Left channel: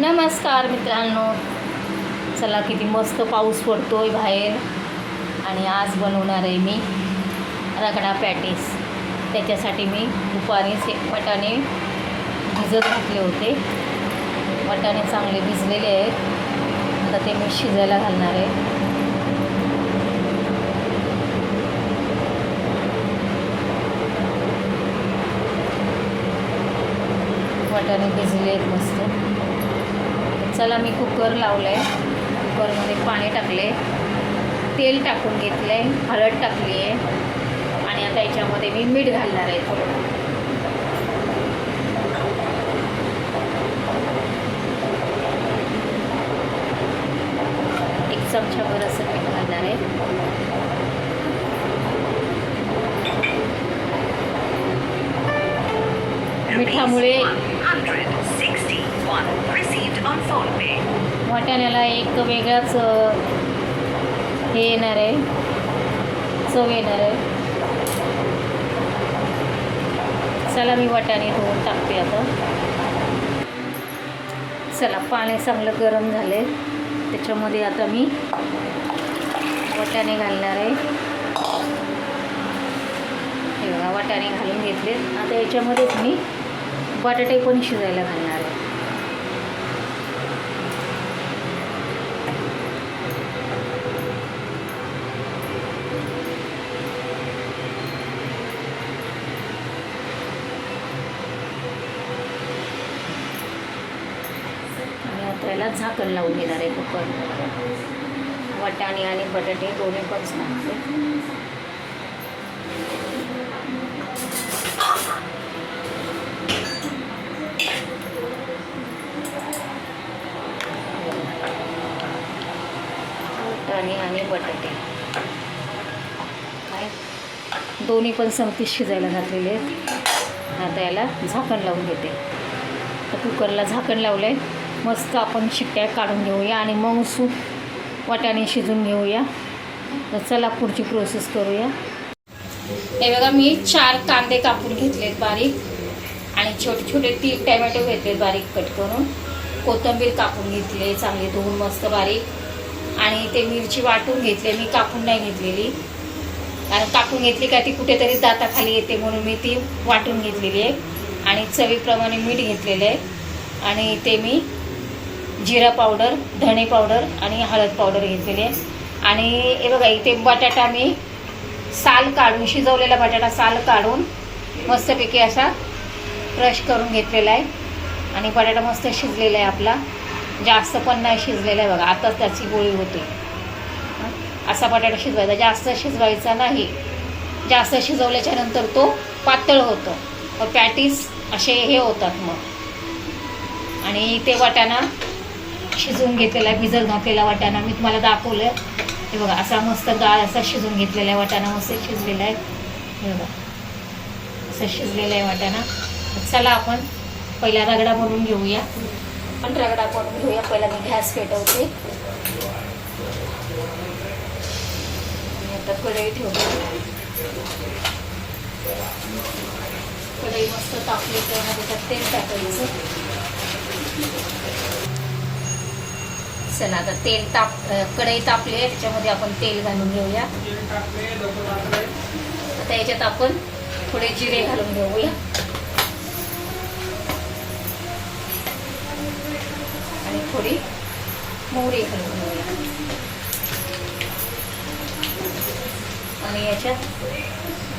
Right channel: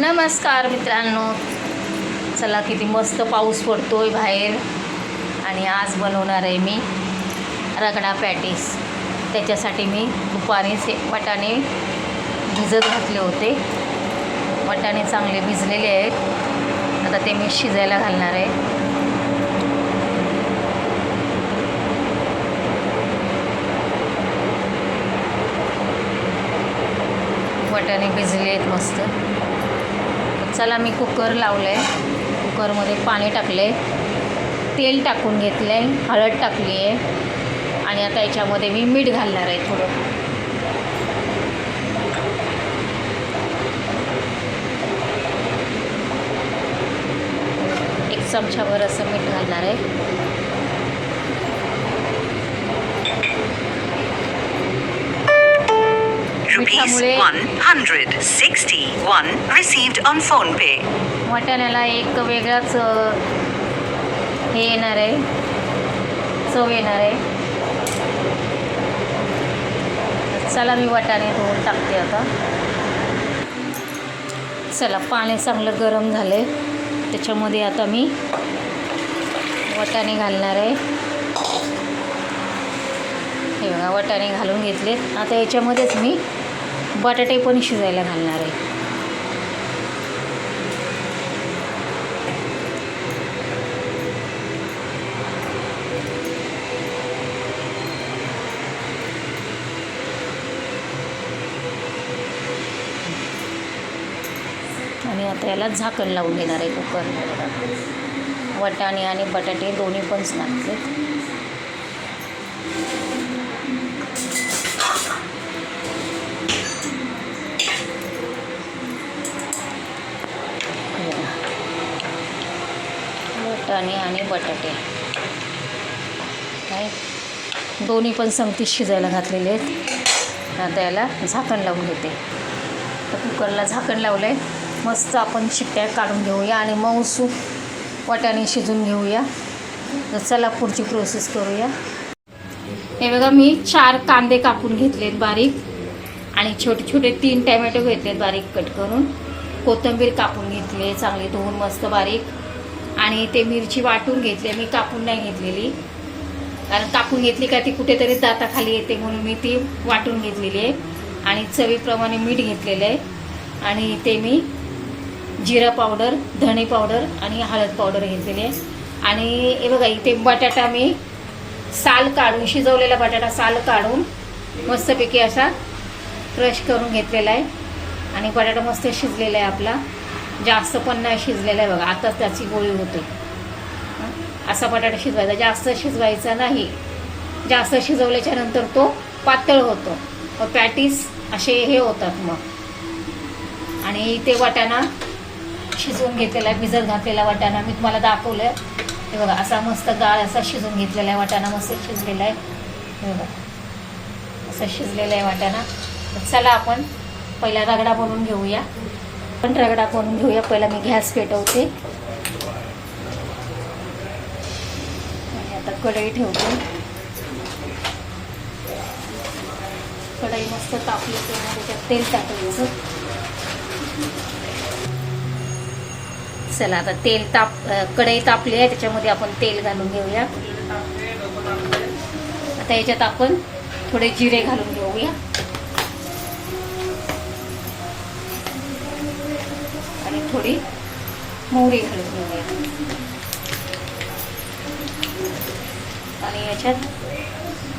नमस्कार मित्रांनो, चला किती मस्त पाऊस पडतोय बाहेर आणि आज बनवणार आहे मी रगडा पॅटीस। त्याच्यासाठी मी दुपारीच वाटाणे भिजत घातले होते। वाटाणे चांगले भिजलेले आहेत, आता ते मी शिजायला घालणार आहे। वाटाणे भिजले आहेत मस्त। चला मी कुकर लावलं आहे, कुकरमध्ये पाणी टाकलं आहे, तेल टाकून घेतलं आहे, हळद टाकली आहे आणि आता याच्यामध्ये मी मीठ घालणार आहे थोडं। एक चमचाभर असं मीठ घालणार आहे। मिठामुळे 161 received on phone pay. वाटाण्याला एक वेगळाच हे येणार आहे, चव येणार आहे। चला मी वाटाणे धुवून टाकते आता। चला पाणी चांगलं गरम झालं आहे, त्याच्यामध्ये आता मी वाटाणे घालणार आहे। हे बघा वाटाणे घालून घेतले। आता याच्यामध्येच मी बटाटे पण शिजायला घालणार आहे। आणि आता याला झाकण लावून देणार आहे कुकर। वाटाणे आणि बटाटे दोन्ही पण टाकले। वाटाणे आणि बटाटे काय दोन्ही पण संगतीच शिजायला घातलेले आहेत। आता याला झाकण लावून घेते। तर कुकरला झाकण लावलं आहे, मस्त आपण शिट्ट्या काढून घेऊया आणि मऊ वाटाणे शिजून घेऊया। तर चला पुढची प्रोसेस करूया। हे बघा मी 4 कांदे कापून घेतलेत बारीक आणि छोटे छोटे 3 टॅमॅटो घेतलेत बारीक कट करून। कोथिंबीर कापून घेतली चांगली धुवून मस्त बारीक, आणि ते मिरची वाटून घेतली, मी कापून नाही घेतलेली, कारण कापून घेतली का ती कुठेतरी दाताखाली येते म्हणून मी ती वाटून घेतलेली आहे। आणि चवीप्रमाणे मीठ घेतलेलं आहे आणि ते मी जिरा पावडर, धणे पावडर आणि हळद पावडर घेतलेली आहे। आणि हे बघा इथे बटाटा मी साल काढून, शिजवलेला बटाटा साल काढून मस्तपैकी असा क्रश करून घेतलेला आहे आणि बटाटा मस्त शिजलेला आहे आपला, जास्त पण नाही शिजलेला आहे बघा। आता त्याची गोळी होते असा बटाटा शिजवायचा, जास्त शिजवायचा नाही। जास्त शिजवल्याच्या नंतर तो पातळ होतो व पॅटीस असे हे होतात मग। आणि ते वाटाणा शिजवून घेतलेला आहे, भिजत घातलेला वाटाणा मी तुम्हाला दाखवलं। हे बघा असा मस्त गाळ असा शिजून घेतलेला आहे वाटाणा, मस्त शिजलेला आहे। हे बघा असं शिजलेला आहे वाटाणा। चला आपण पहिला रगडा बनवून घेऊया। पण रगडा बनवून घेऊया। पहिला मी गॅस पेटवते आणि आता कढई ठेवते। कढई मस्त तापली त्यामध्ये त्यात तेल टाकायचं। चला आता कढई तापली आहे, त्याच्यामध्ये आपण तेल घालून घेऊया। आता याच्यात आपण थोडे जिरे घालून घेऊया आणि थोडी मोहरी घालून घेऊया। आणि याच्यात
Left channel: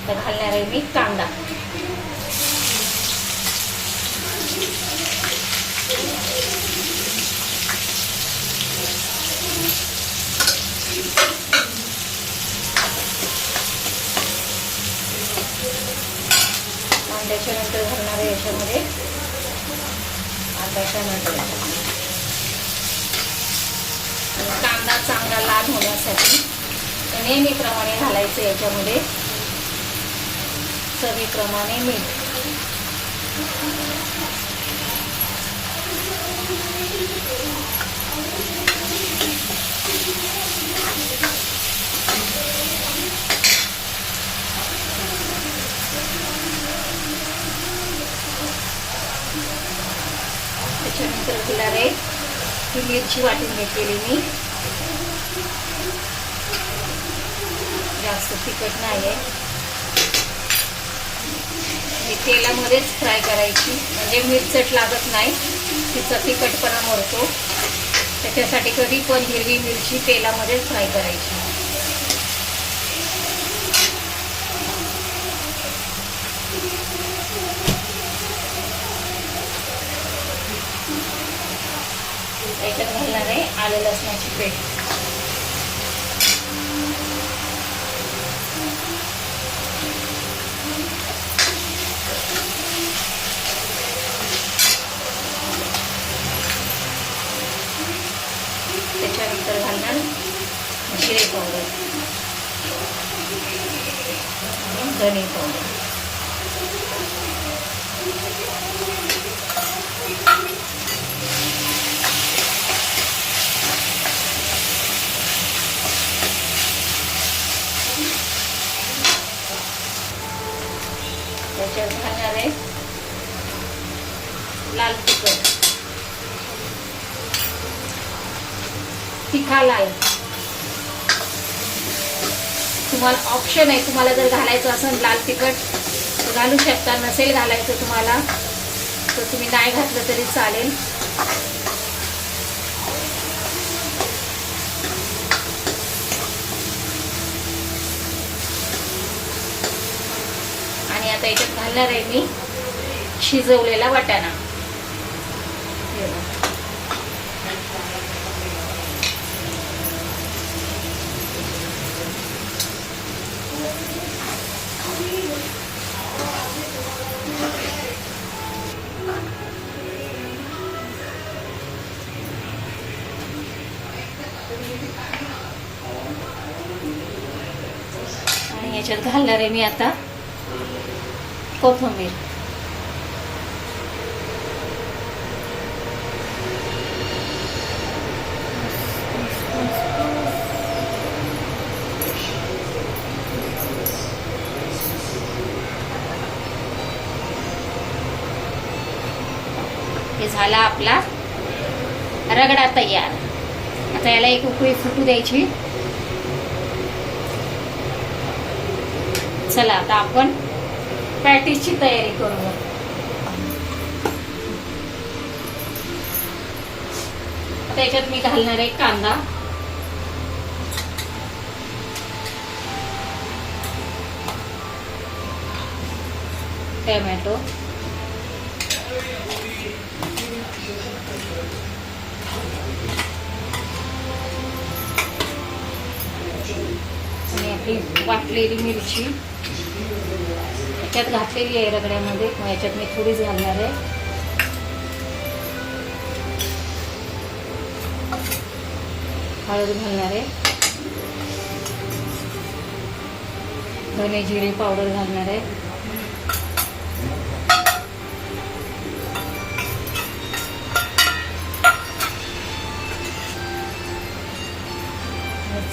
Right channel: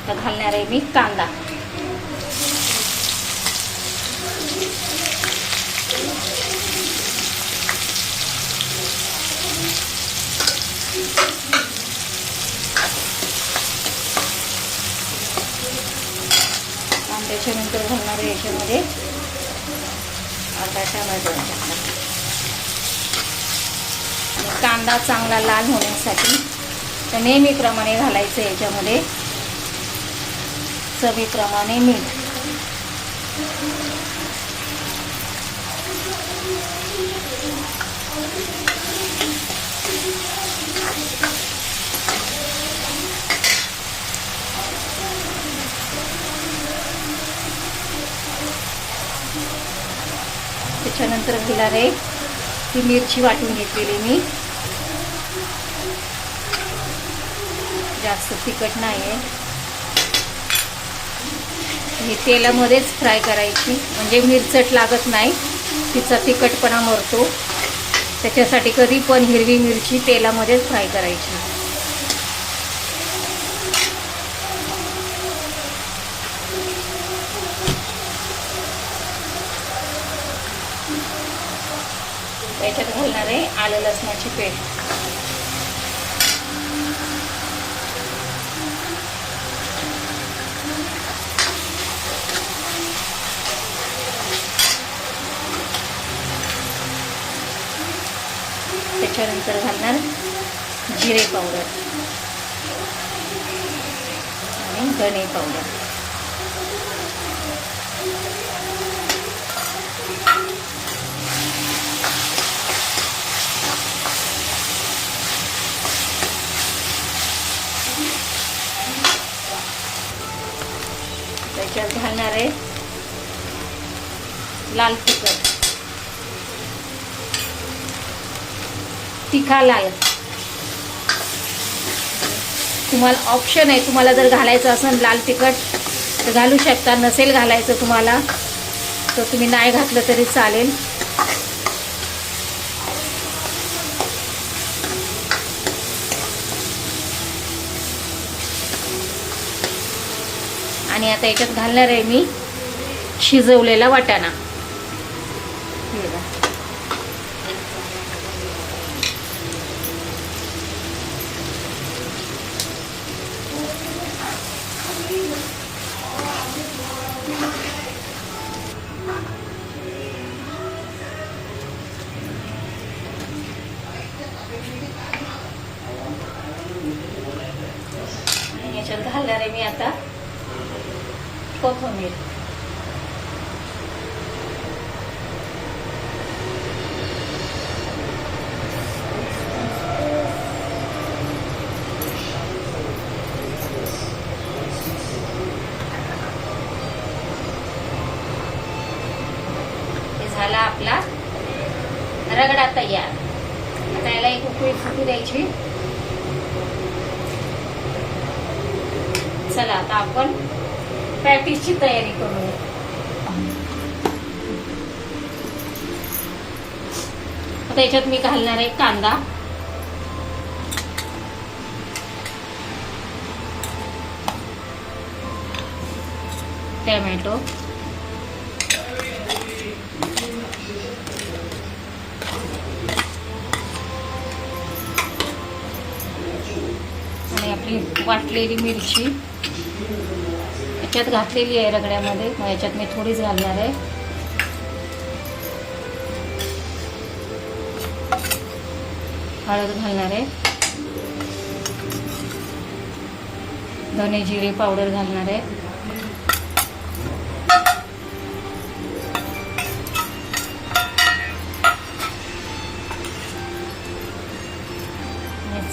घालणार आहे मी कांदा। त्याच्यानंतर घालणार आहे याच्यामध्ये अर्धा टोमॅटो। कांदा चांगला लाल होण्यासाठी तर नेहमीप्रमाणे घालायचं याच्यामध्ये चवीप्रमाणे मीठ। त्याच्यानंतर घालणार आहे ही मिरची वाटून घेतलेली मी. जास्त तिखट नाही आहे. ही तेलामध्येच फ्राय करायची, म्हणजे मिरचट लागत नाही, तिचा तिखटपणा मरतो. त्याच्यासाठी कधी पण हिरवी मिरची तेलामध्येच फ्राय करायची. त्याच्यात घालणार आहे आलं लसणाची पेस्ट. त्याच्यानंतर घालणार जिरे पावडर आणि धने पावडर. त्याच्यात घालणार आहे लाल तिखट, तिखा लाल. तुम्हाला ऑप्शन आहे, तुम्हाला जर घालायचं असेल लाल तिखट तर घालू शकता, नसेल घालायचं तुम्हाला तर तुम्ही नाही घातलं तरी चालेल. आणि आता याच्यात घालणार आहे मी शिजवलेला वाटाणा. आणि याच्यात घालणार आहे मी आता कोथिंबीर. हे झाला आपला रगडा तयार. आता याला एक उकळी फुटू द्यायची. चला आता आपण पॅटीसची तयारी करू. आता याच्यात मी घालणार आहे कांदा, टोमॅटो, आणि आपली वाटलेली मिरची याच्यात घातलेली आहे रगड्यामध्ये. मग याच्यात मी थोडीच घालणार आहे. हळद घालणार आहे, धने जिरे पावडर घालणार आहे,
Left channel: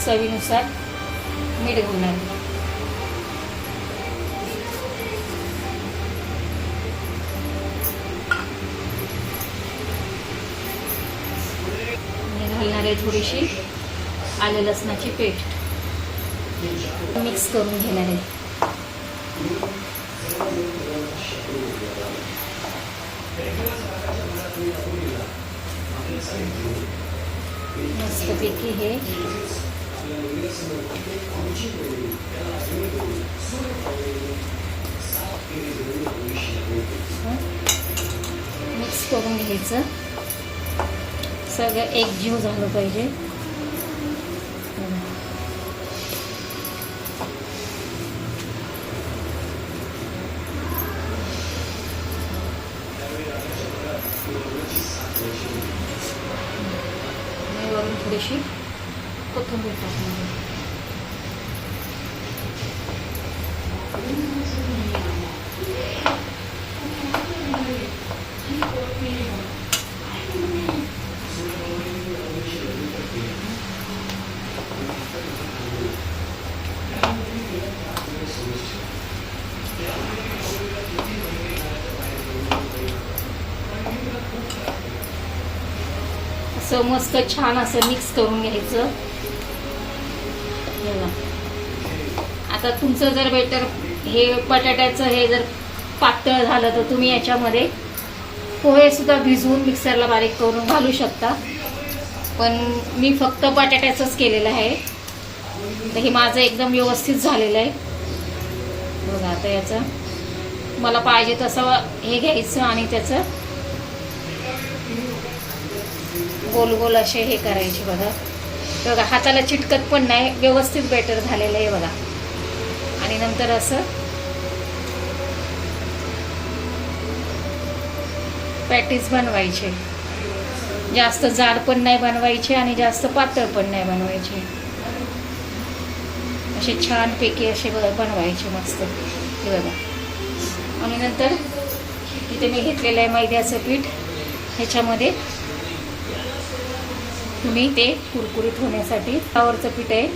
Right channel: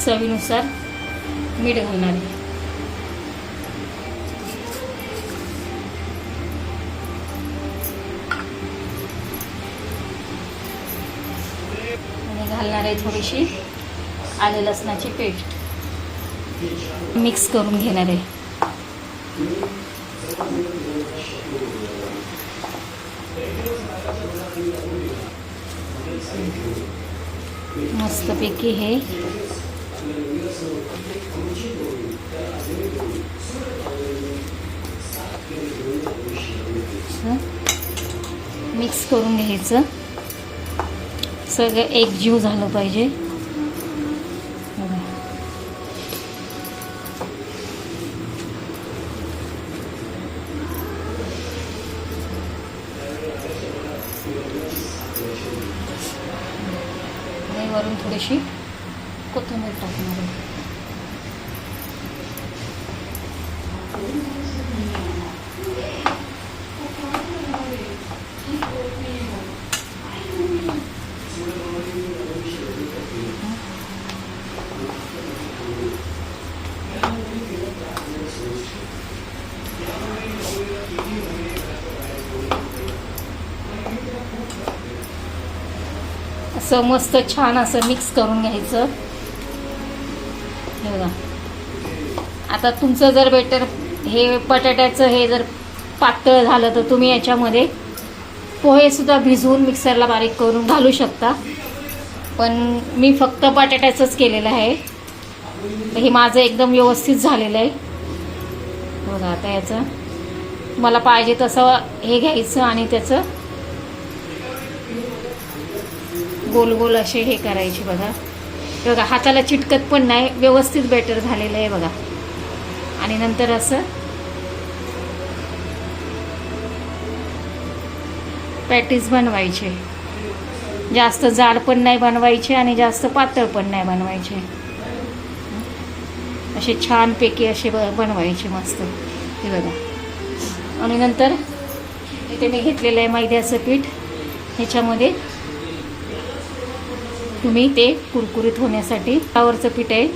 चवीनुसार मीठ घालणार आहे. घालणार आहे थोडीशी आले लसणाची पेस्ट. मिक्स करून घेणार आहे. मस्तपैकी हे मिक्स करून घ्यायचं. सगळं एकजीव झालं पाहिजे. वरून थोडीशी कोथिंबीर टाकणार आहे. असं मस्त छान असं मिक्स करून घ्यायचं. हे बघा. आता तुमचं जर बेटर हे बटाट्याचं हे जर पातळ झालं तर तुम्ही याच्यामध्ये पोहे सुद्धा भिजवून मिक्सरला बारीक करून घालू शकता, पण मी फक्त बटाट्याचंच केलेलं आहे. तर हे माझं एकदम व्यवस्थित झालेलं आहे बघा. आता याचं मला पाहिजे तसं हे घ्यायचं आणि त्याचं गोल गोल असे हे करायचे बघा. बघा हाताला चिटकत पण नाही, व्यवस्थित बेटर झालेलं आहे बघा. आणि नंतर असं पॅटीस बनवायचे. जास्त जाड पण नाही बनवायचे आणि जास्त पातळ पण नाही बनवायचे. असे छानपैकी असे बनवायचे मस्त. हे बघा. आणि नंतर इथे मी घेतलेलं आहे मैद्याचं पीठ. ह्याच्यामध्ये तुम्ही ते कुरकुरीत होण्यासाठी फ्लावरचं पीठ आहे,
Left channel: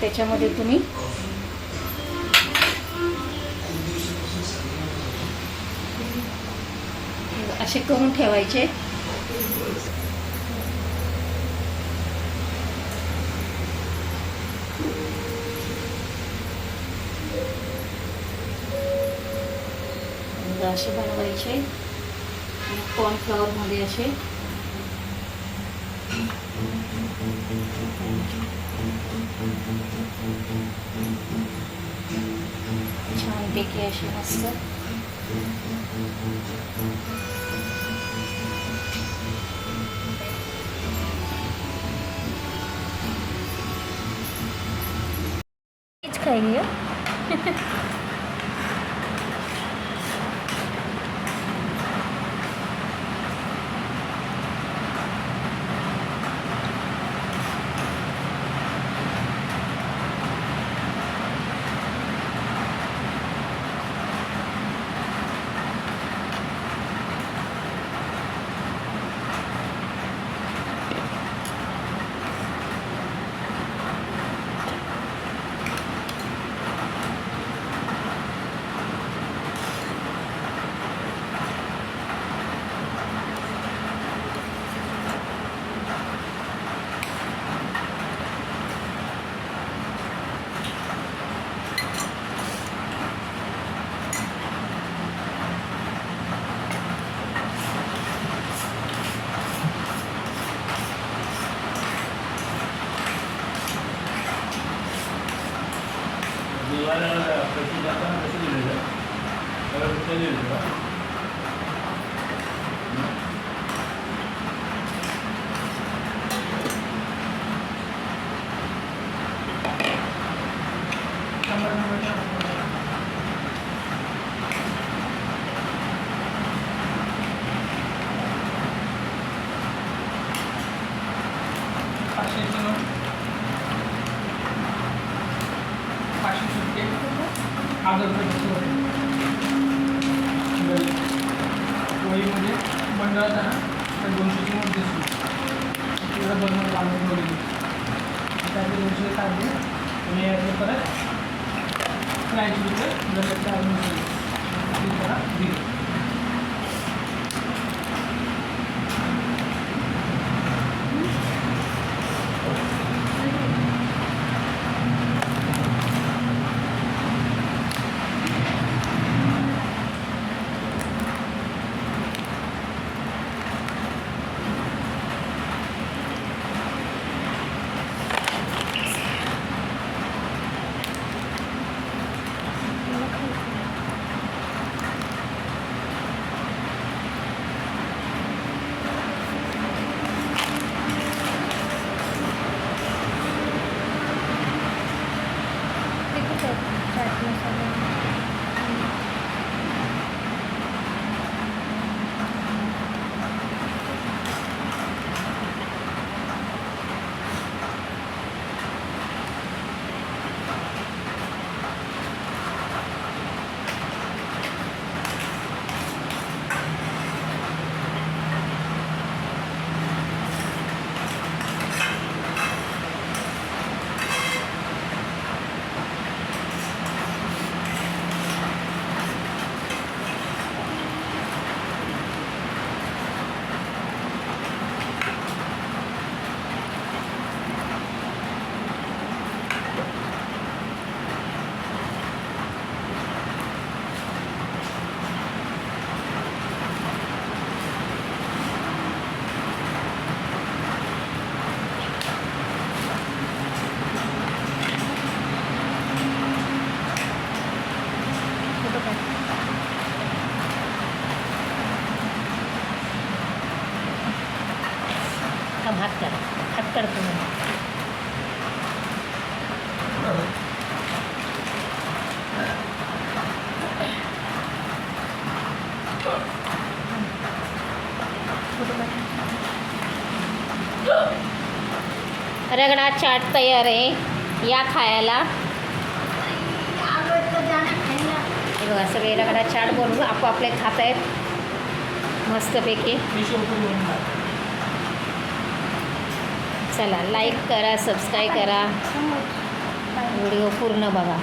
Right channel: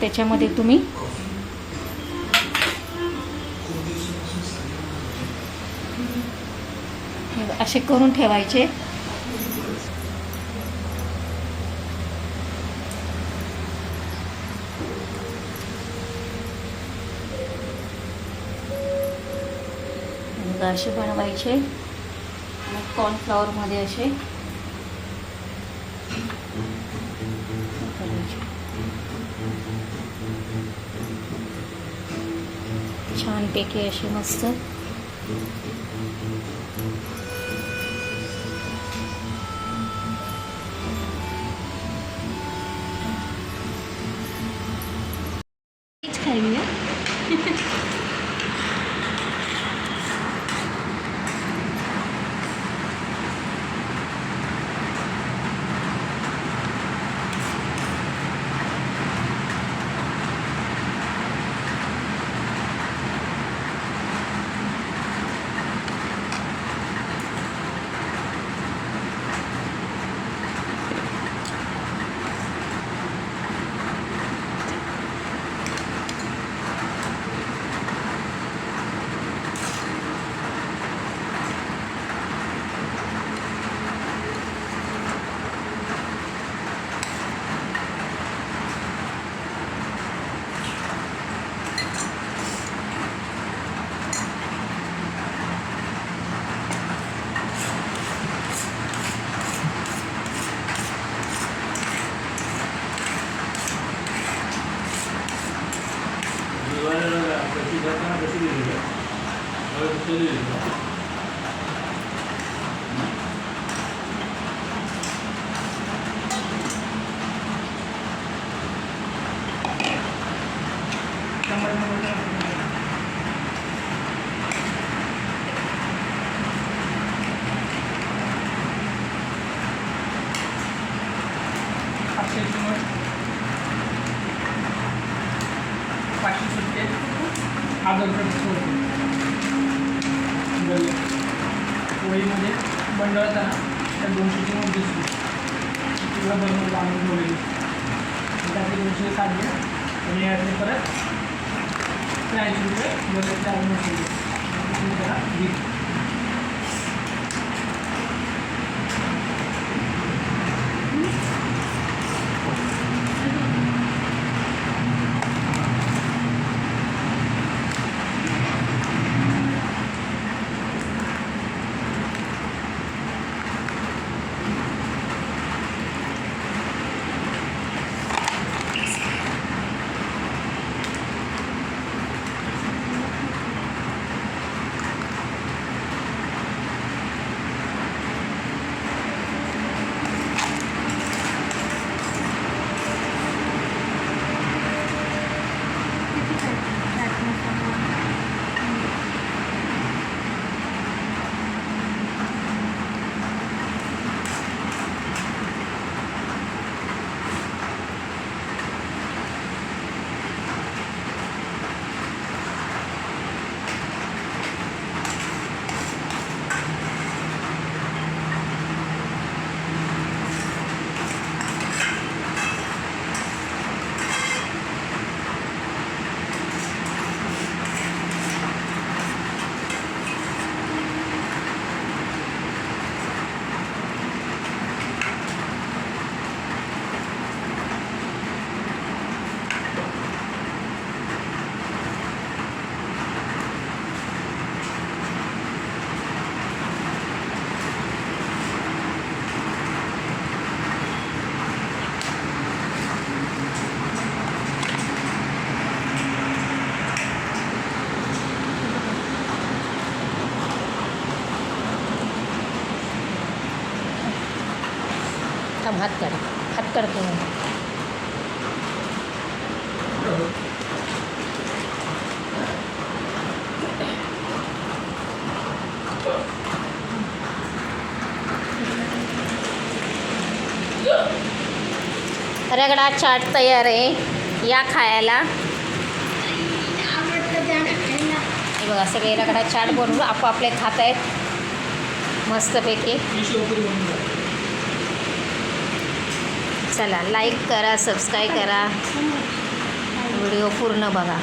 त्याच्यामध्ये तुम्ही असे करून ठेवायचे. असे बनवायचे आणि कॉर्नफ्लॉवर मध्ये असे छानपैकी असे मस्त खाएंगे. पोळीमध्ये बनवताना त्या 200ची मध्ये किंवा बनवून बांधून पोळी त्याचे 200 काढून आणि यातले परत फ्रायचे रुपये जरा दिली. थांब हात काढते रगडा चाट तयार आहे, या खायला. हे बघा सगळे रगडा चाट बनवून आपापले खात आहेत मस्तपैकी. चला लाईक करा, सबस्क्राईब करा, व्हिडिओ पूर्ण बघा.